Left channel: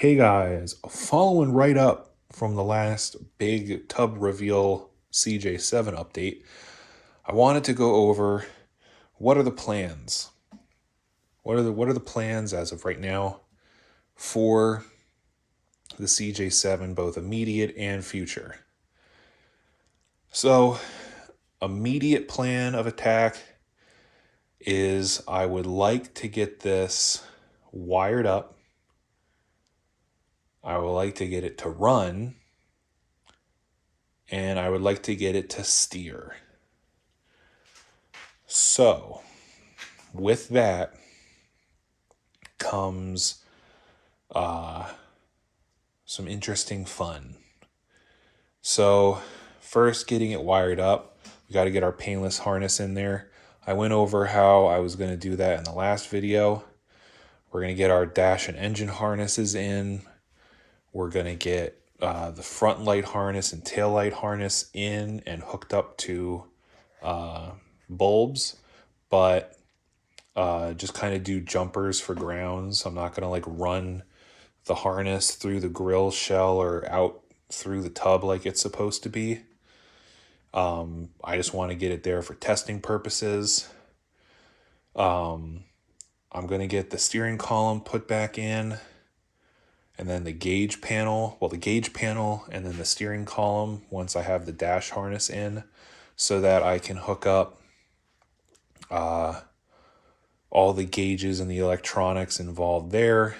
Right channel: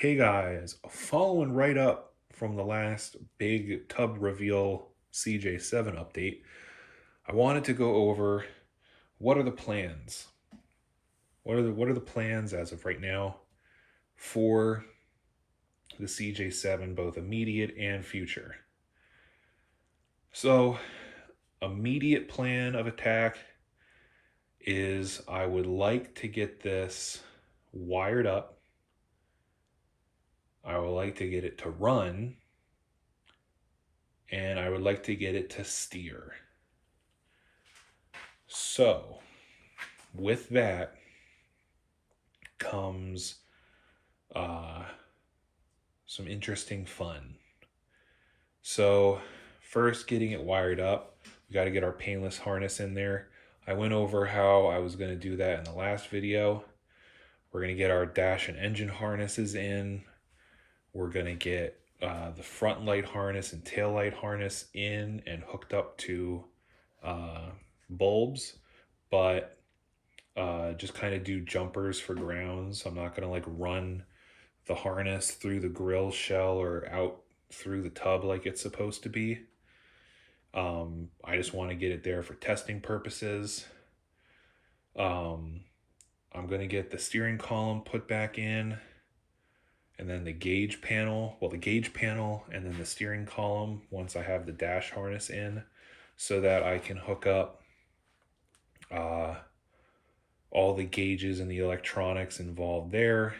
Hey guys, following right up from the last big tub reveal CJ7 update, I wanted to go over what are the plans? What are the plans as of right now for the CJ7, both immediate and future? So, immediate plan of attack is I would like to get this wired up. I would like to get it to run, and I would like to get it to steer. So, with that comes some interesting fun. So, first, getting it wired up, we got to get our painless harness in there. I went over how I was going to do that in the last video. We're going to get our dash and engine harnesses in. We're going to get the front light harness and tail light harness in and hooked up to bulbs, but just kind of do jumpers for grounds. I'm not going to like run the harness through the grill shell or out through the tub like it's supposed to be. I just want to get it there for testing purposes. I'm going to get the steering column put back in, and then the gauge panel, and then the steering column once I have the dash harness in, so that I can hook up all the gauges and the electronics involved there.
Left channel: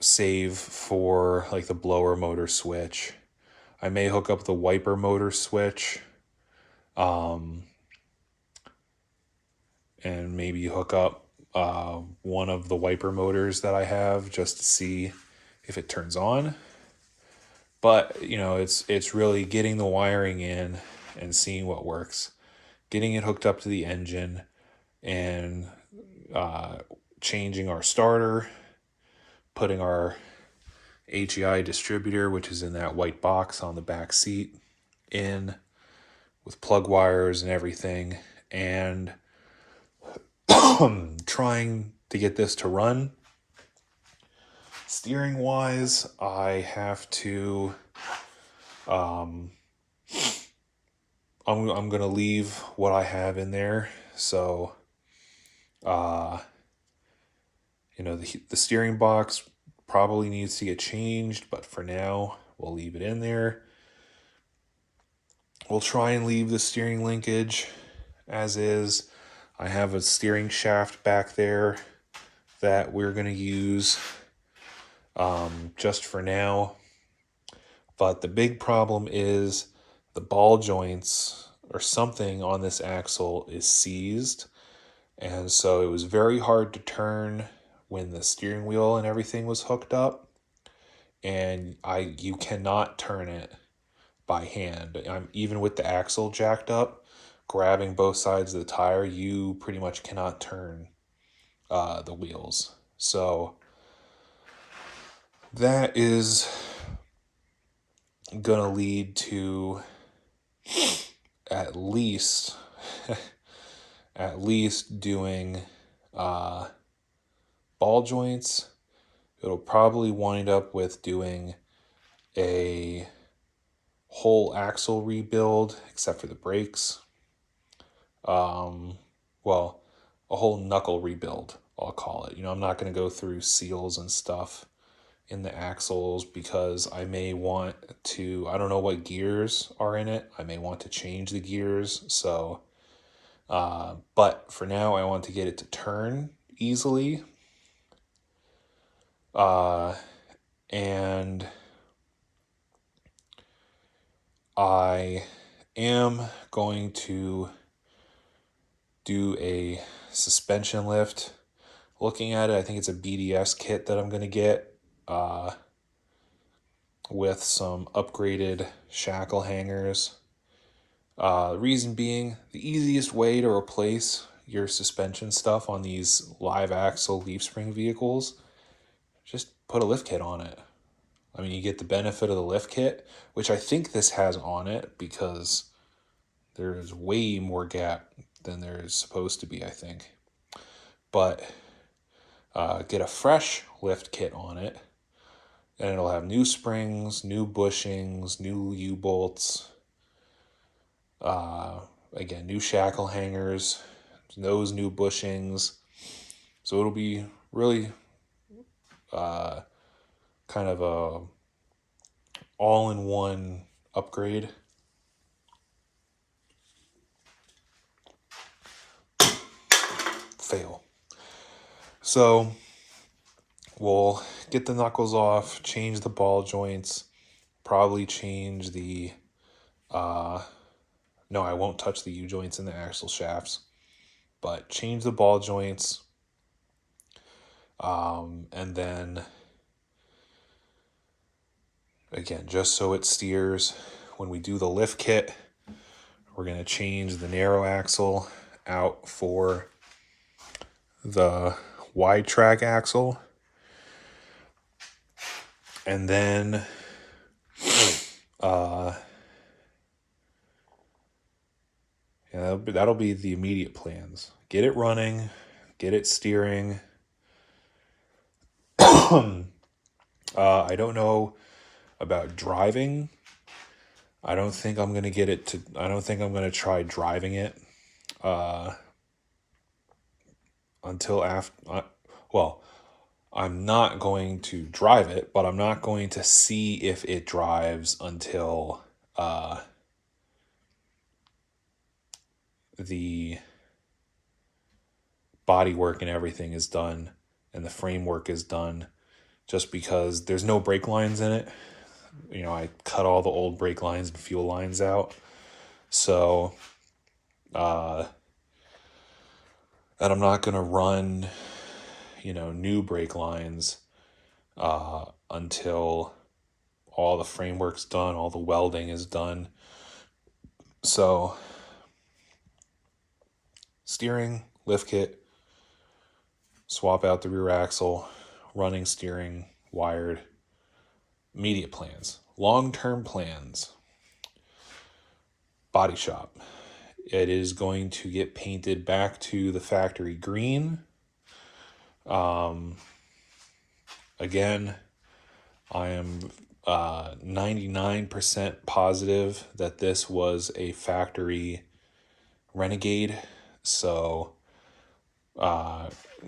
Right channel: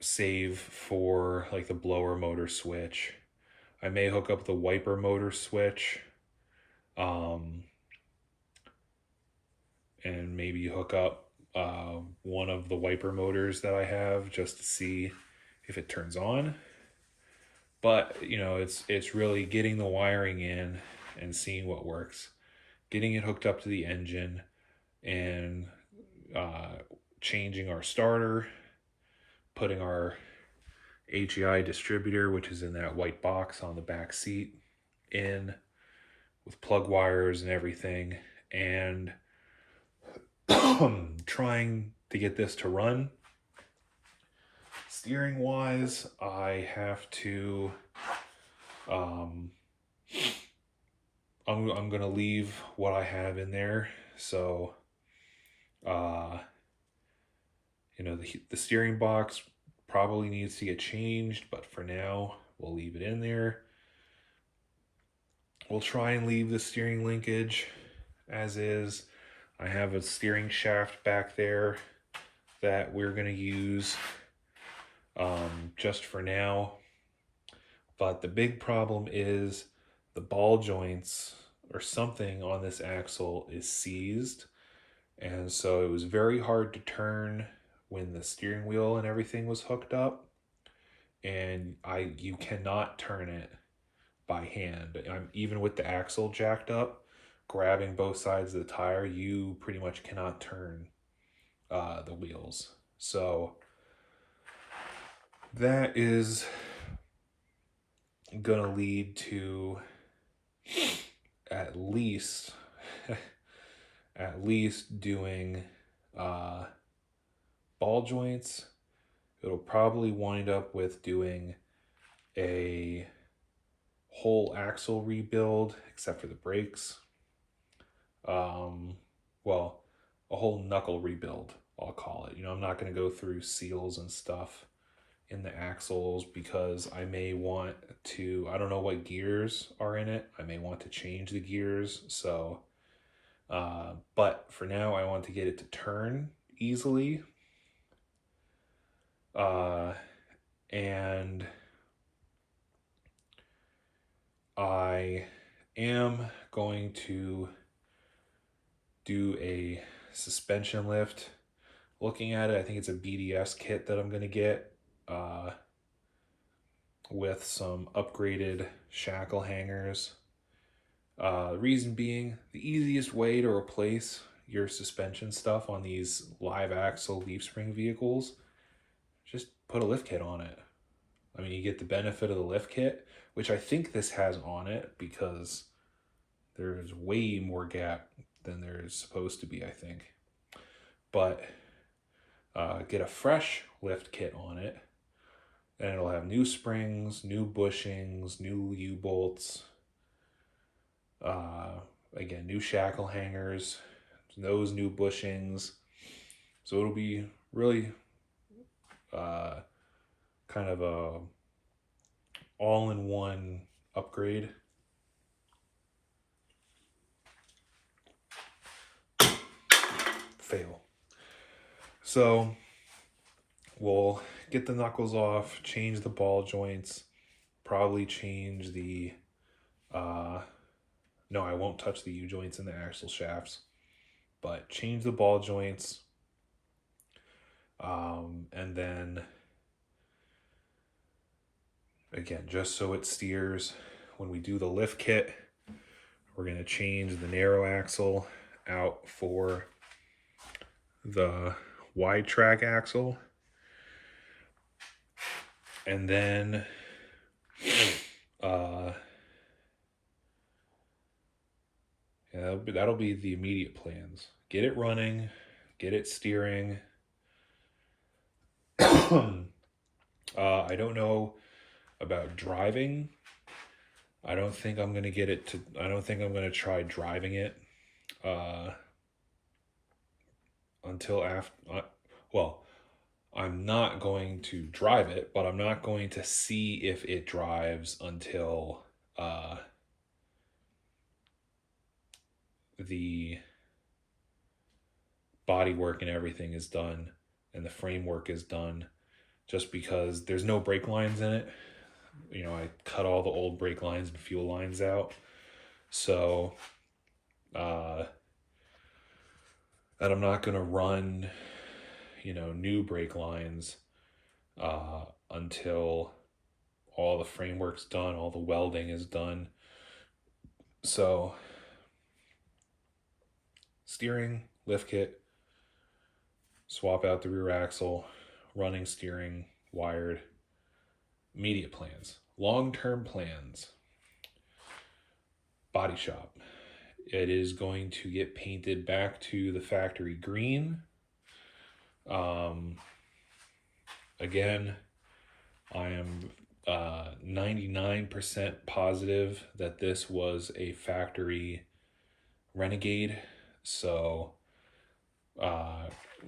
Save for like the blower motor switch. I may hook up the wiper motor switch, and maybe hook up one of the wiper motors that I have just to see if it turns on. But it's really getting the wiring in and seeing what works, getting it hooked up to the engine, and changing our starter, putting our HEI distributor, which is in that white box on the back seat, in with plug wires and everything, and trying to get this to run. Steering wise, I have to I'm gonna leave what I have in there. So the steering box probably needs to get changed, but for now we'll leave it in there. We'll try and leave the steering linkage as is. I have a steering shaft back there that we're going to use just for now. But the big problem is the ball joints or something on this axle is seized. And so it was very hard to turn when the steering wheel and everything was hooked up. And you cannot turn it by hand. Even with the axle jacked up, grabbing both sides of the tire, you pretty much cannot turn the wheels. So that is gonna lead to at least doing ball joints. It'll probably wind up with doing a whole axle rebuild except for the brakes. A whole knuckle rebuild, I'll call it. I'm not going to go through seals and stuff in the axles because I may want to, I don't know what gears are in it. I may want to change the gears. So, but for now, I want to get it to turn easily. And I am going to do a suspension lift. Looking at it, I think it's a BDS kit that I'm going to get with some upgraded shackle hangers. Reason being, the easiest way to replace your suspension stuff on these live axle leaf spring vehicles, just put a lift kit on it. I mean, you get the benefit of the lift kit, which I think this has on it because there's way more gap than there's supposed to be, I think. But get a fresh lift kit on it, and it'll have new springs, new bushings, new U-bolts, again, new shackle hangers, those new bushings. So it'll be really kind of a all-in-one upgrade. Fail. So we'll get the knuckles off, change the ball joints, probably change the no, I won't touch the U-joints in the axle shafts, but change the ball joints, and then again, just so it steers, when we do the lift kit, we're going to change the narrow axle out for the wide track axle. And then yeah, that'll be the immediate plans. Get it running, get it steering. I don't know about driving. I don't think I'm going to try driving it until after, well, I'm not going to drive it, but I'm not going to see if it drives until the body work and everything is done and the framework is done, just because there's no brake lines in it. You know, I cut all the old brake lines and fuel lines out. So, and I'm not going to run, new brake lines until all the framework's done, all the welding is done. So, steering, lift kit, swap out the rear axle, running steering, wired, immediate plans. Long-term plans. Body shop. It is going to get painted back to the factory green. Again, I am 99% positive that this was a factory Renegade. So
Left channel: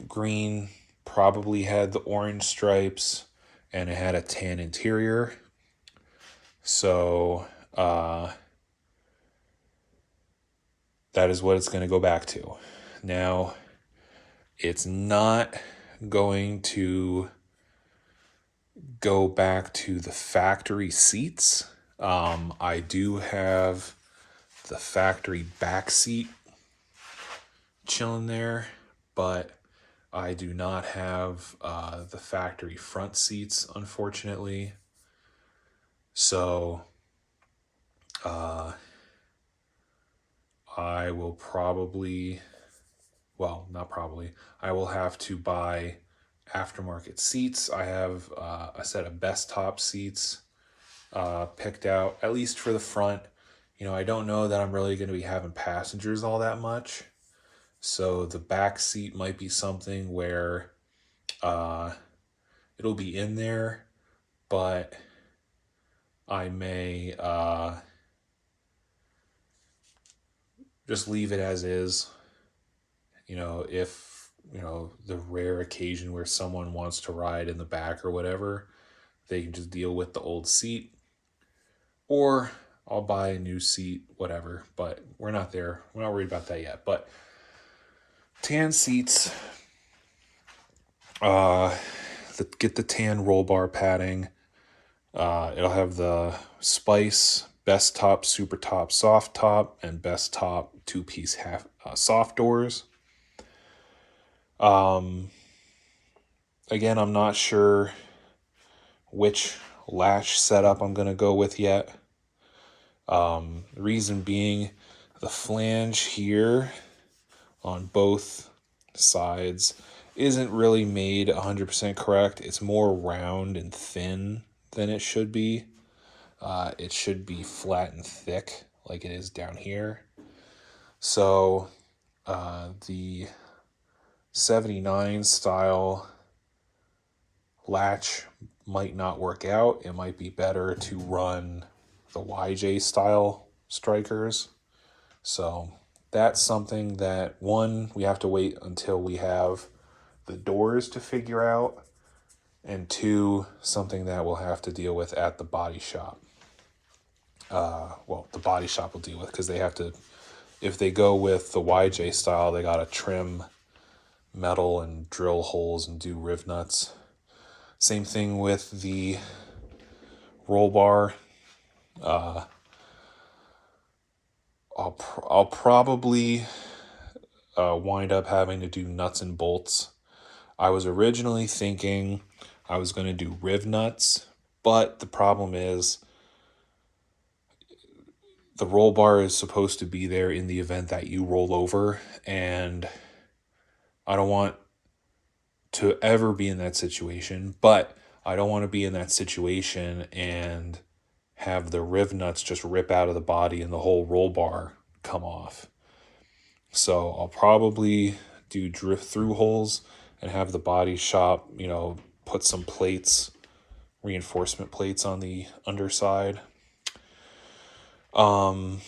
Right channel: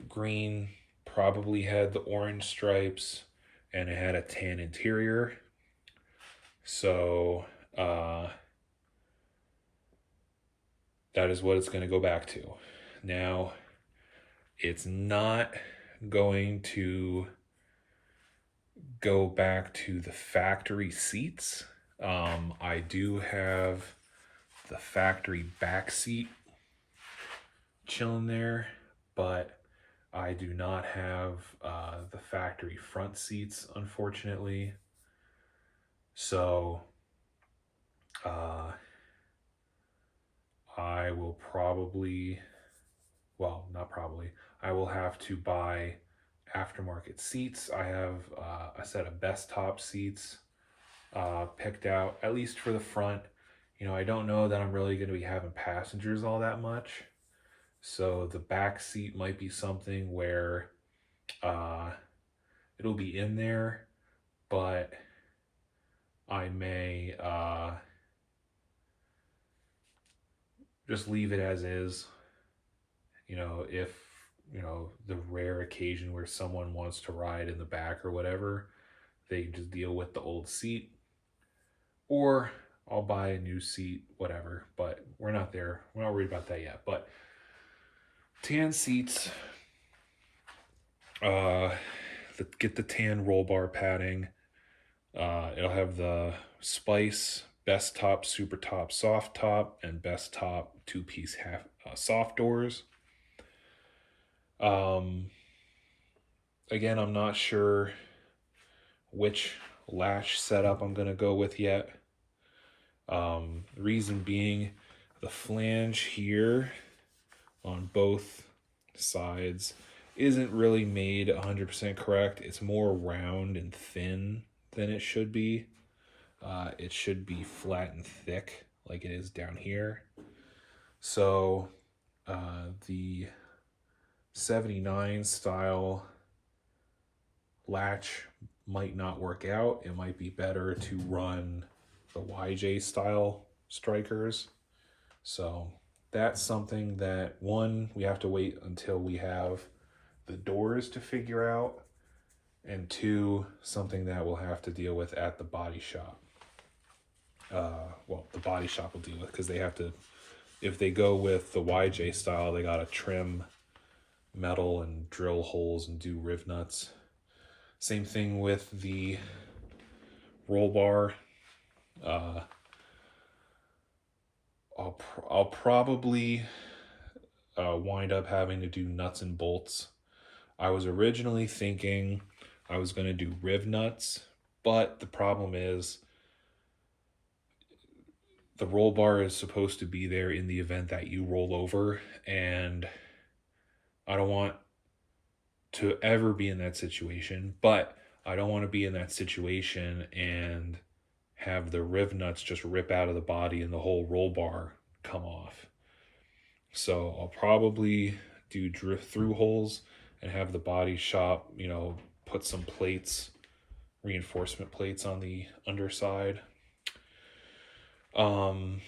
green probably had the orange stripes and it had a tan interior. So that is what it's going to go back to. Now, it's not going to go back to the factory seats. I do have the factory back seat chilling there, but I do not have the factory front seats, unfortunately. So I will probably, well, not probably, I will have to buy aftermarket seats. I have a set of best top seats picked out, at least for the front. I don't know that I'm really going to be having passengers all that much. So the back seat might be something where it'll be in there, but I may just leave it as is. If, the rare occasion where someone wants to ride in the back or whatever, they can just deal with the old seat. Or I'll buy a new seat, whatever. But we're not there. We're not worried about that yet. But tan seats, get the tan roll bar padding. It'll have the Spice Best Top, Super Top, Soft Top, and Best Top 2-piece half soft doors. Again, I'm not sure which lash setup I'm going to go with yet. The reason being, the flange here on both sides isn't really made 100% correct. It's more round and thin than it should be. It should be flat and thick like it is down here. So the 79 style latch might not work out. It might be better to run the YJ style strikers. So that's something that, one, we have to wait until we have the doors to figure out, and two, something that we'll have to deal with at the body shop. Well, the body shop will deal with, because they have to, if they go with the YJ style, they got to trim metal and drill holes and do riv nuts. Same thing with the roll bar. I'll probably wind up having to do nuts and bolts. I was originally thinking I was going to do riv nuts, but the problem is the roll bar is supposed to be there in the event that you roll over, and I don't want to ever be in that situation, but I don't want to be in that situation and have the riv nuts just rip out of the body and the whole roll bar come off. So I'll probably do drift through holes and have the body shop, put some plates, reinforcement plates on the underside. The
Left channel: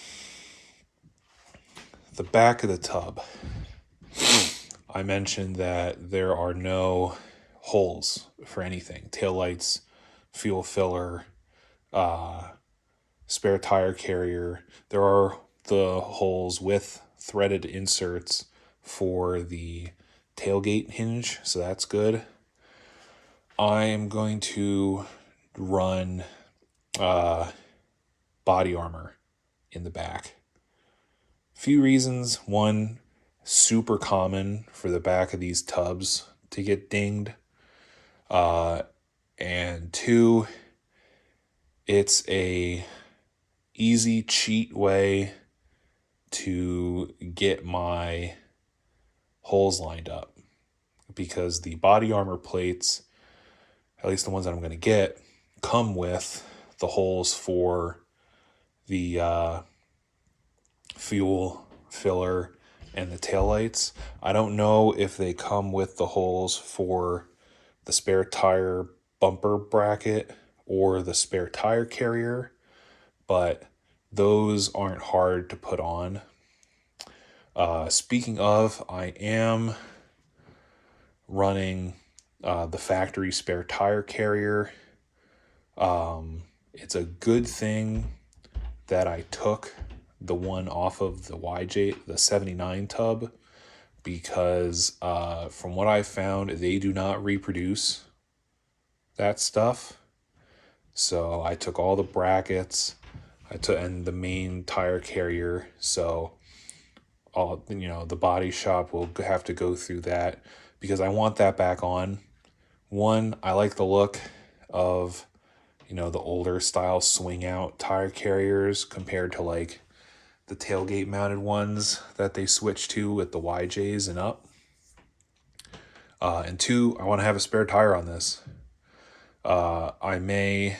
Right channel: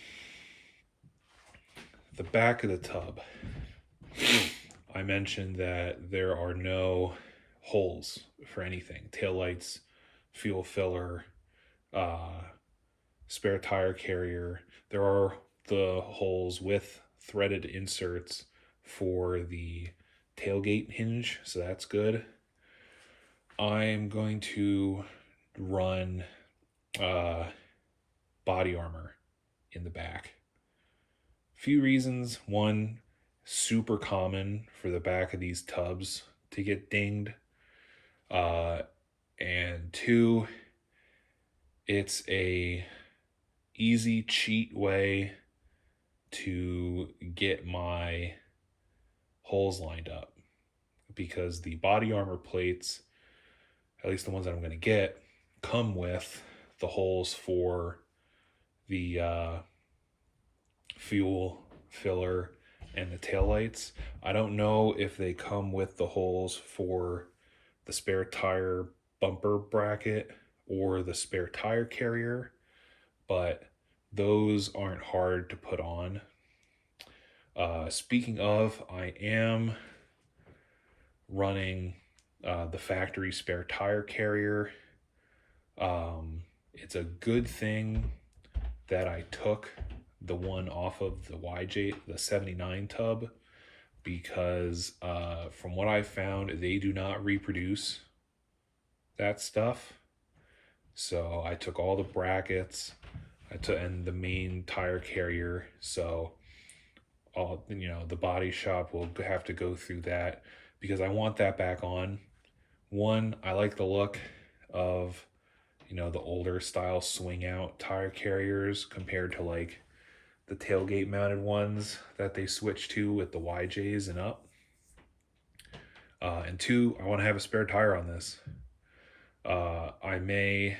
back of the tub, I mentioned that there are no holes for anything. Taillights, fuel filler, spare tire carrier. There are the holes with threaded inserts for the tailgate hinge, so that's good. I am going to run body armor in the back. Few reasons. One, super common for the back of these tubs to get dinged. And two, it's a easy cheat way to get my holes lined up, because the body armor plates, at least the ones that I'm going to get, come with the holes for the fuel filler and the taillights. I don't know if they come with the holes for the spare tire bumper bracket or the spare tire carrier, but those aren't hard to put on. Speaking of, I am running the factory spare tire carrier. It's a good thing that I took the one off of the YJ, the 79 tub, because from what I found, they do not reproduce that stuff. So I took all the brackets, and the main tire carrier. So the body shop will have to go through that, because I want that back on. One, I like the look of, the older style swing out tire carriers compared to like the tailgate mounted ones that they switch to with the YJs and up. And two, I want to have a spare tire on this. The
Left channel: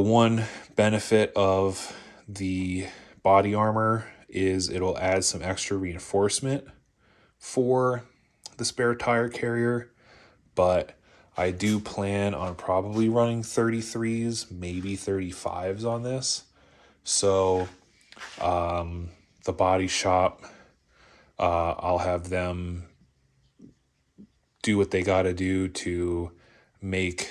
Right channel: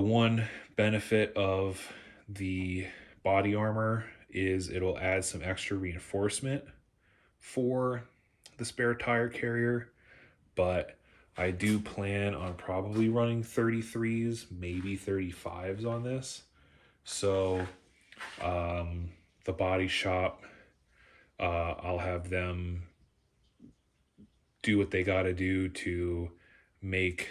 one benefit of the body armor is it'll add some extra reinforcement for the spare tire carrier, but I do plan on probably running 33s, maybe 35s on this. So the body shop, I'll have them do what they got to do to make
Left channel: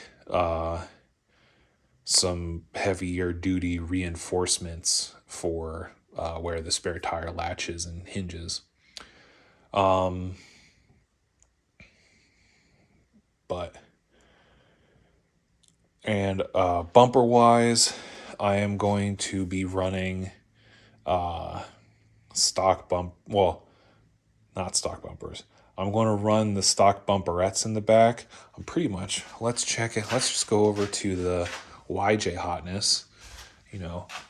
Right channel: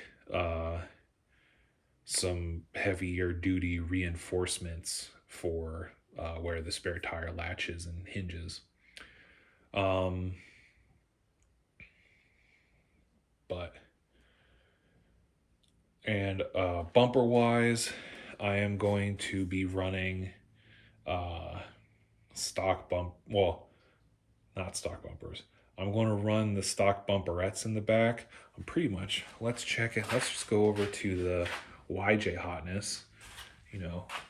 some heavier duty reinforcements for where the spare tire latches and hinges. Bumper wise, I am going to be running not stock bumpers. I'm going to run the stock bumperettes in the back. Let's check it. Let's just go over to the YJ hotness,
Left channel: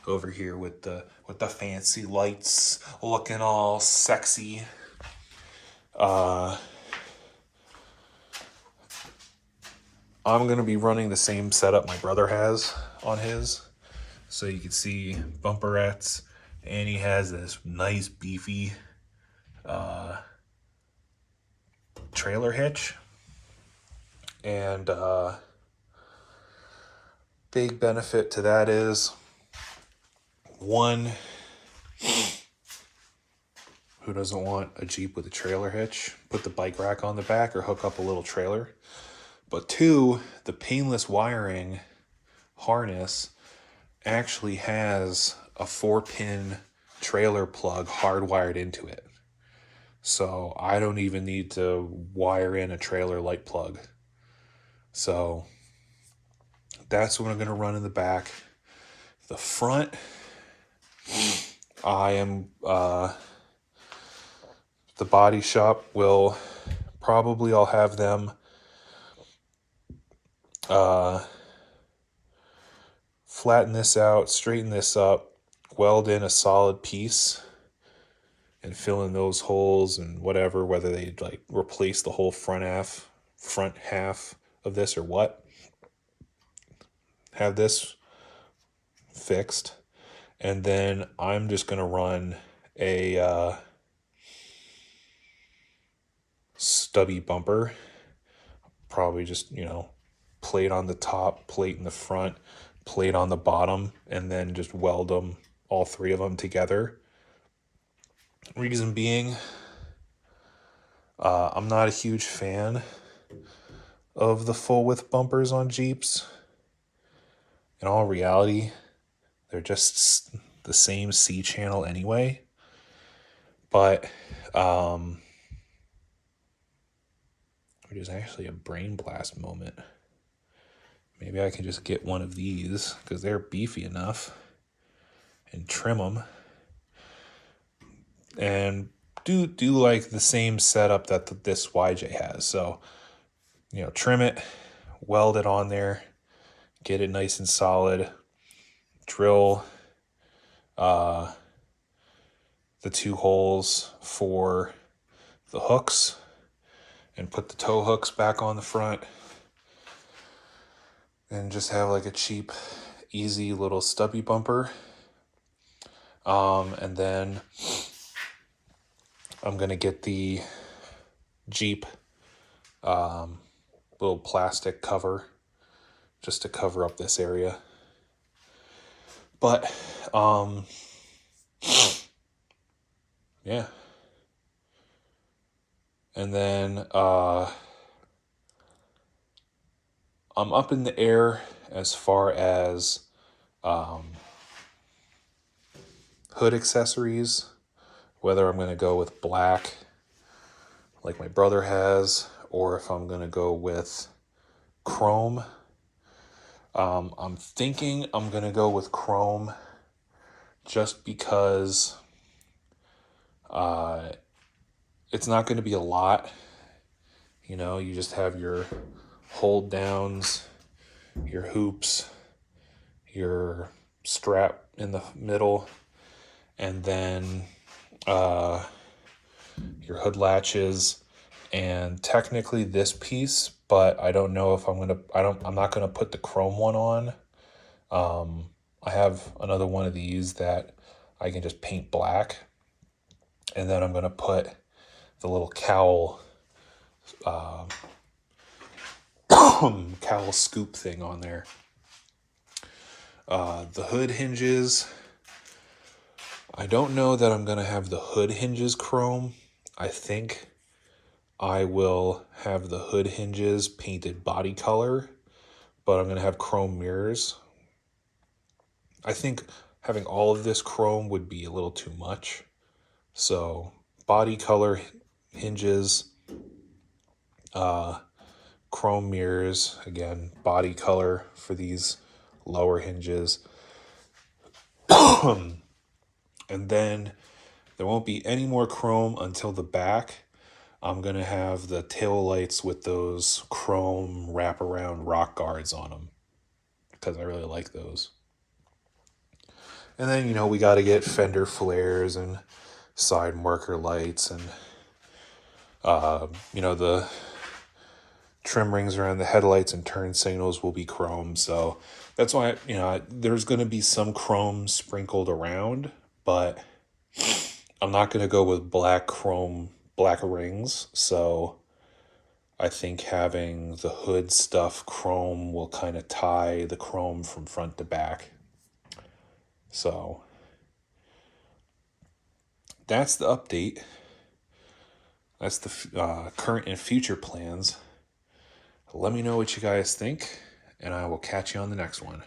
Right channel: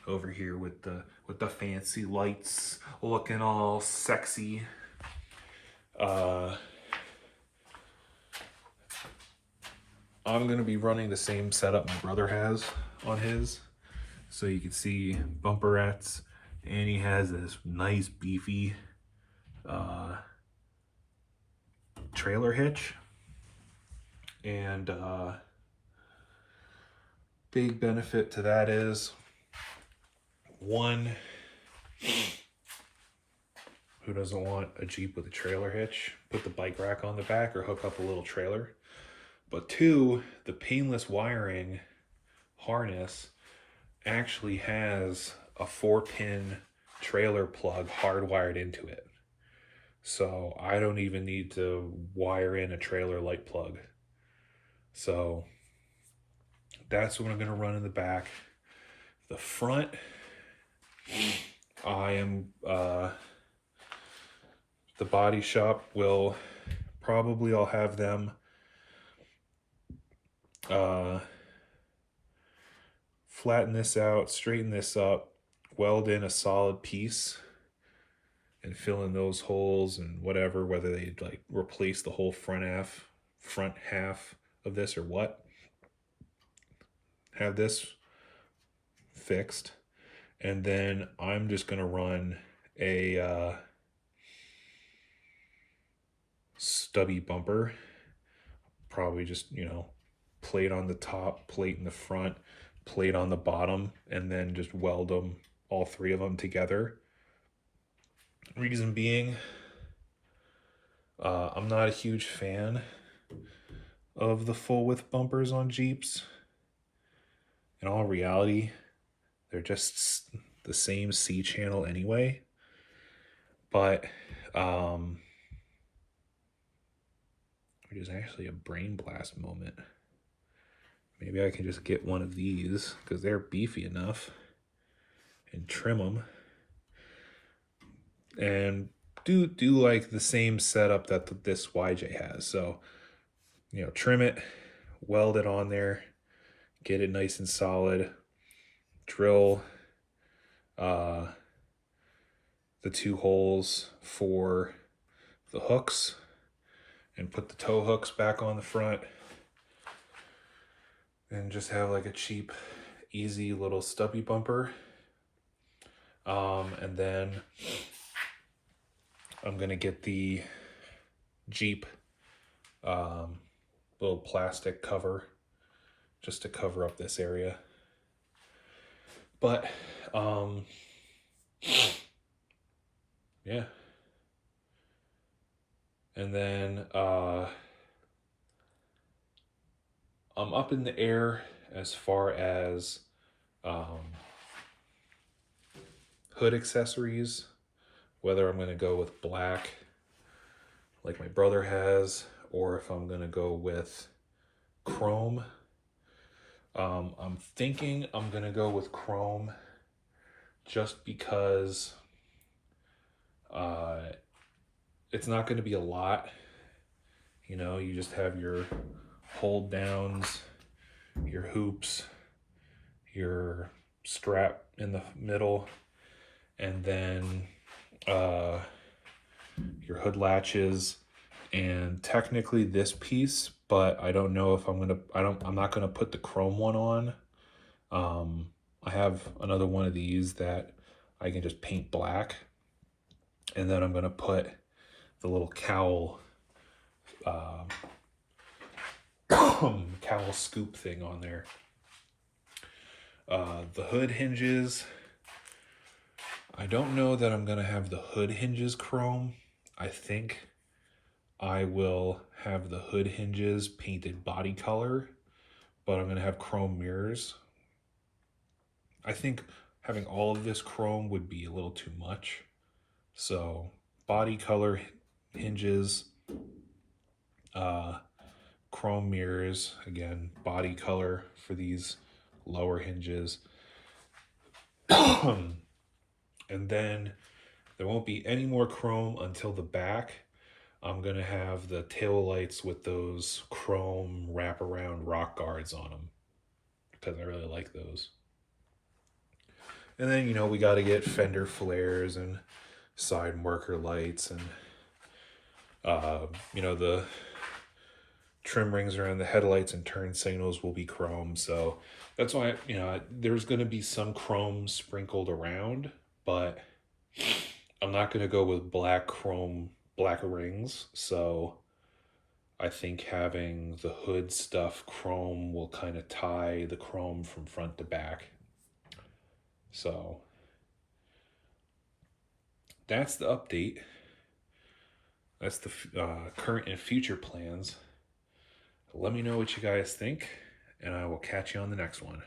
over here with the fancy lights looking all sexy. I'm going to be running the same setup my brother has on his. So you can see bumperettes, and he has this nice beefy trailer hitch. And big benefit to that is, one, who doesn't want a Jeep with a trailer hitch? Put the bike rack on the back or hook up a little trailer. But two, the painless wiring harness actually has a 4-pin trailer plug hardwired into it. So I don't even need to wire in a trailer light plug. So that's what I'm going to run in the back. The front, I am, the body shop will probably, I'll have them flatten this out, straighten this up, weld in a solid piece, and fill in those holes and whatever, whether they like replace the whole front half of this or what. Have this fixed, and then I'm just gonna run a stubby bumper, probably just, plate on the top, plate in the front, plate on the bottom, and then just weld them, all three of them together. Reason being, I'm not a huge fan of the full width bumpers on Jeeps. In all reality, they're just the same C channel anyway. But which is actually a brain blast moment. Maybe I can just get one of these because they're beefy enough and trim them. And do like the same setup that this YJ has. So, trim it, weld it on there, get it nice and solid, drill the 2 holes for the hooks, and put the tow hooks back on the front, and just have like a cheap, easy little stubby bumper. And then I'm gonna get the Jeep little plastic cover just to cover up this area. But yeah. And then I'm up in the air as far as hood accessories, whether I'm going to go with black like my brother has, or if I'm going to go with chrome. I'm thinking I'm going to go with chrome just because it's not going to be a lot. You just have your hold downs, your hoops, your strap in the middle, and then your hood latches, and technically this piece, but I don't know if I'm not gonna put the chrome one on. I have another one of these that I can just paint black, and then I'm gonna put the little cowl cowl scoop thing on there. The hood hinges, I don't know that I'm gonna have the hood hinges chrome. I think I will have the hood hinges painted body color, but I'm gonna have chrome mirrors. I think having all of this chrome would be a little too much. So body color hinges, chrome mirrors, again, body color for these lower hinges. And then there won't be any more chrome until the back. I'm going to have the tail lights with those chrome wraparound rock guards on them because I really like those. And then, we got to get fender flares and side marker lights, and, the trim rings around the headlights and turn signals will be chrome. So that's why, there's going to be some chrome sprinkled around, but I'm not going to go with black rings. So I think having the hood stuff chrome will kind of tie the chrome from front to back. So that's the update. That's the current and future plans. Let me know what you guys think, and I will catch you on the next one.